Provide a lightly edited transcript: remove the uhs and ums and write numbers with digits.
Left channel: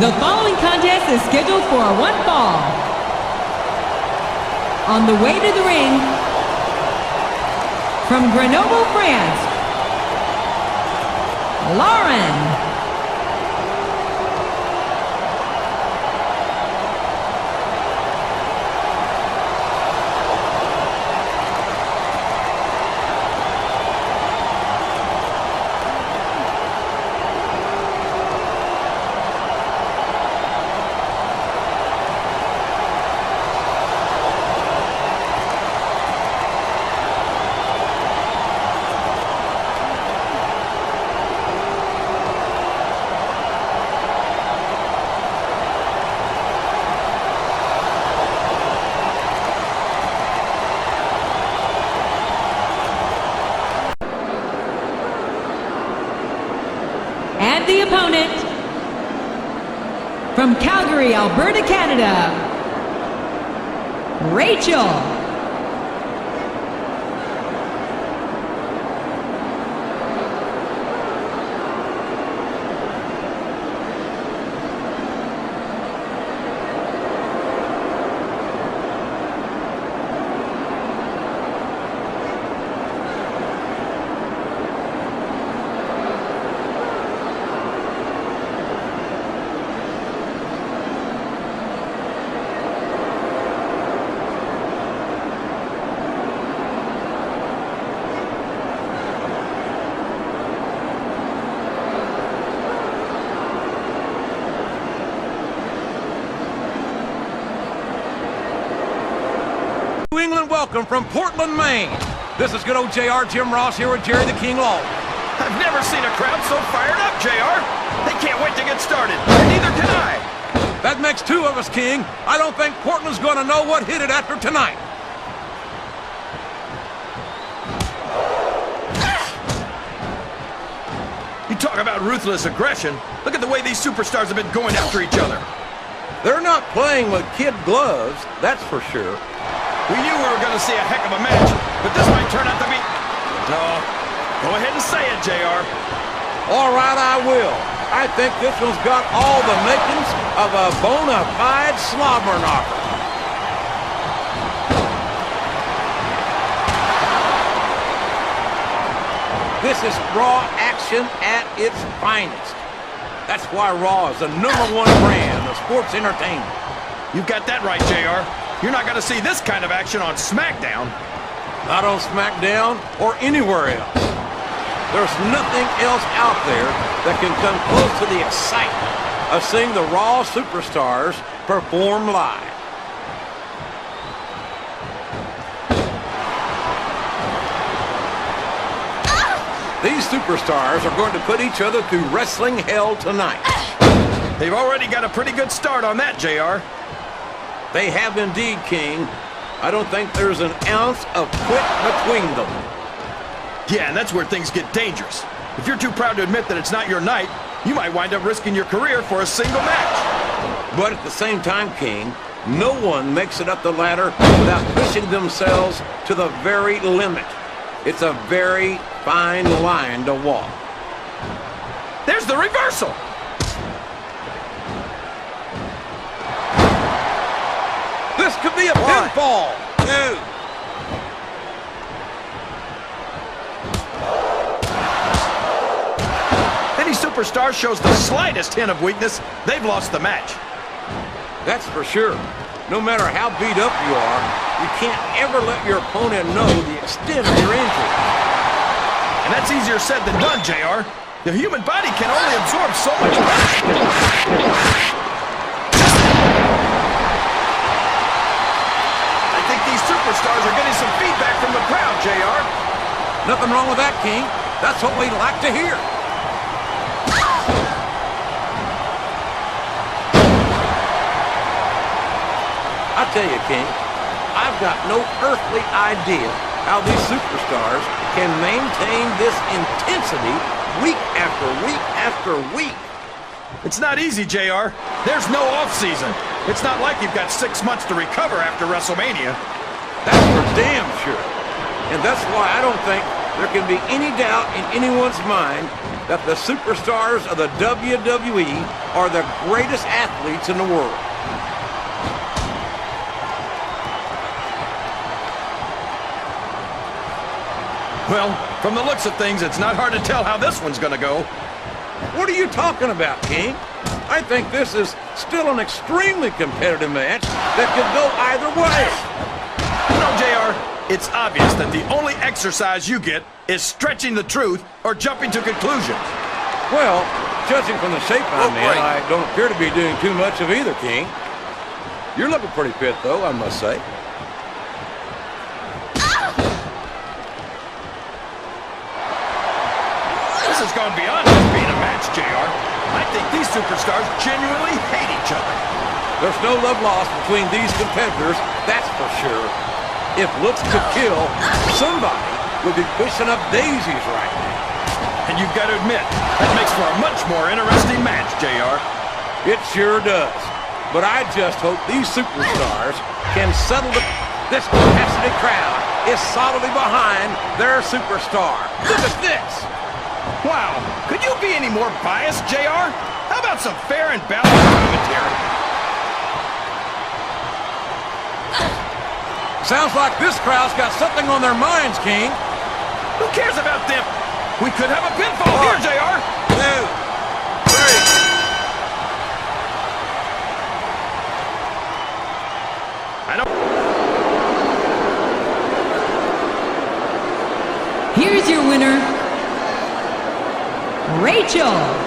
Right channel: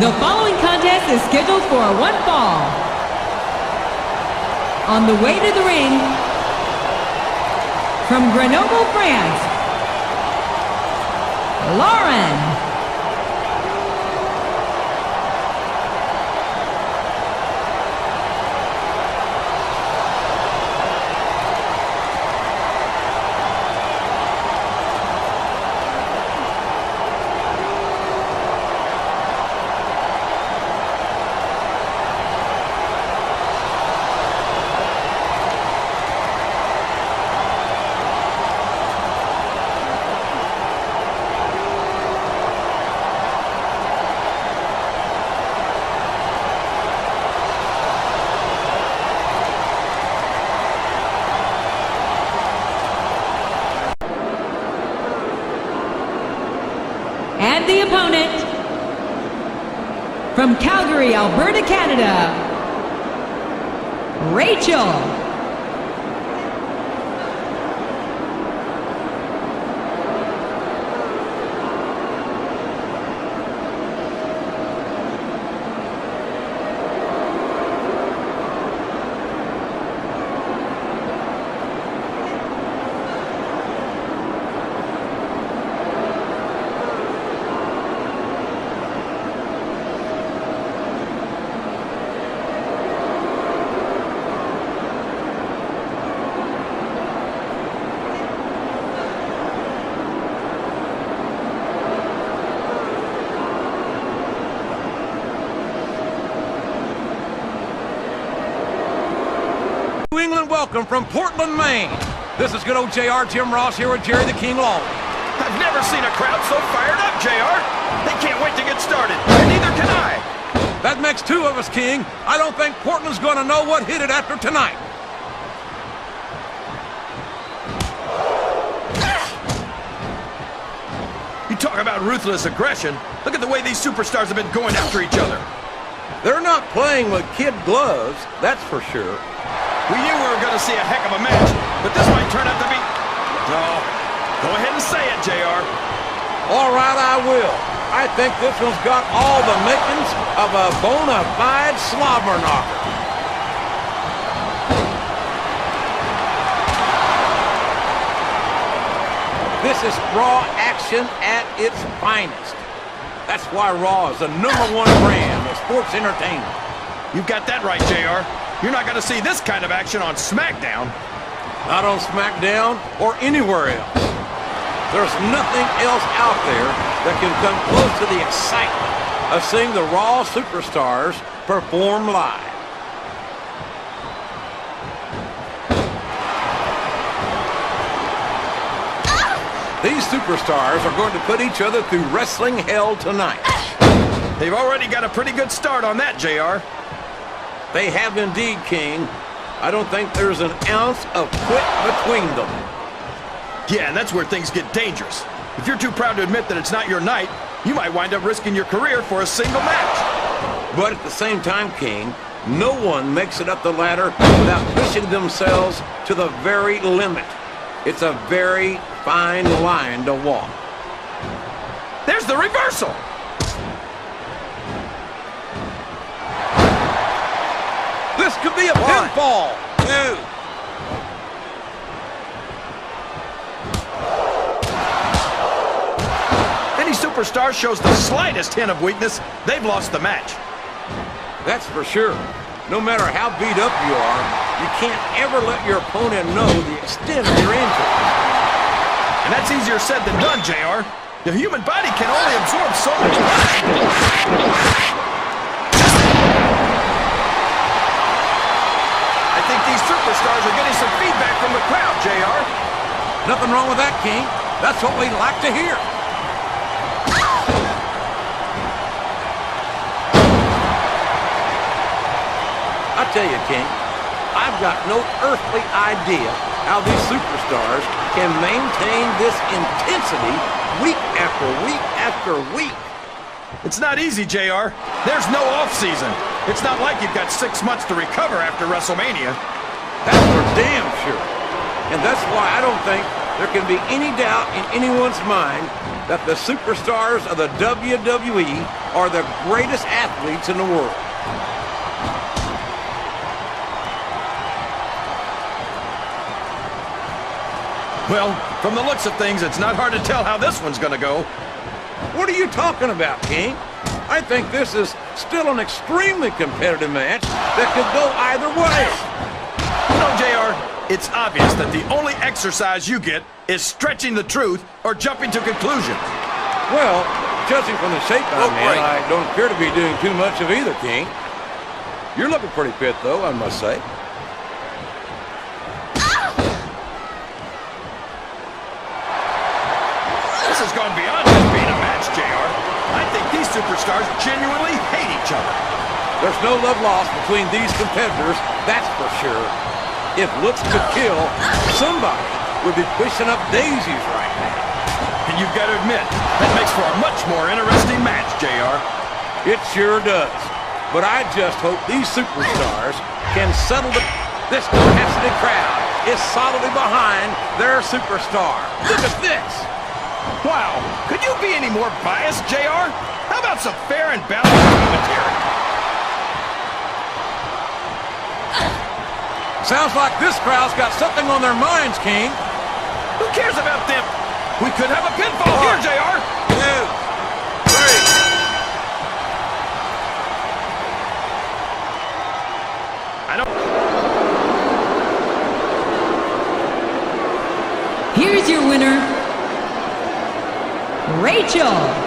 The following contest is scheduled for one fall. On the way to the ring, from Grenoble, France, Lauren. And the opponent, from Calgary, Alberta, Canada, Rachel. New England welcome from Portland, Maine. This is good old JR, Jim Ross here with Jerry the King Law. I've never seen a crowd so fired up, JR. They can't wait to get started, and neither can I. That makes two of us, King. I don't think Portland's going to know what hit it after tonight. You talk about ruthless aggression. Look at the way these superstars have been going after each other. They're not playing with kid gloves, that's for sure. We knew we were going to see a heck of a match, but this might turn out to be... No. Go ahead and say it, JR. All right, I will. I think this one's got all the makings of a bona fide slobber knocker. This is Raw action at its finest. That's why Raw is the #1 brand of sports entertainment. You've got that right, JR. You're not going to see this kind of action on Smackdown. Not on Smackdown or anywhere else. There's nothing else out there that can come close to the excitement of seeing the Raw superstars perform live. These superstars are going to put each other through wrestling hell tonight. They've already got a pretty good start on that, JR. They have indeed, King. I don't think there's an ounce of quit between them. Yeah, and that's where things get dangerous. If you're too proud to admit that it's not your night, you might wind up risking your career for a single match. But at the same time, King, no one makes it up the ladder without pushing themselves to the very limit. It's a very fine line to walk. There's the reversal! This could be a pinfall, too. Any superstar shows the slightest hint of weakness, they've lost the match. That's for sure. No matter how beat up you are, you can't ever let your opponent know the extent of your injury. And that's easier said than done, JR. The human body can only absorb so much punishment. I think these superstars are getting some feedback from the crowd, JR. Nothing wrong with that, King. That's what we like to hear. I tell you, King, I've got no earthly idea how these superstars can maintain this intensity week after week after week. It's not easy, JR. There's no off-season. It's not like you've got 6 months to recover after WrestleMania. That's for damn sure. And that's why I don't think there can be any doubt in anyone's mind that the superstars of the WWE are the greatest athletes in the world. Well, from the looks of things, it's not hard to tell how this one's gonna go. What are you talking about, King? I think this is still an extremely competitive match that could go either way. You know, JR, it's obvious that the only exercise you get is stretching the truth or jumping to conclusions. Well, judging from the shape I'm in, break. I don't appear to be doing too much of either, King. You're looking pretty fit, though, I must say. This has gone beyond just being a match, JR. I think these superstars genuinely hate each other. There's no love lost between these competitors, that's for sure. If looks could kill, somebody would be pushing up daisies right now. And you've got to admit, that makes for a much more interesting match, JR. It sure does. But I just hope these superstars can settle this capacity crowd is solidly behind their superstar. Look at this. Wow, could you be any more biased, JR? How about some fair and balanced commentary? Sounds like this crowd's got something on their minds, King. Who cares about them? We could have a pinfall here, JR. 2, 3. I don't... Here's your winner, Rachel.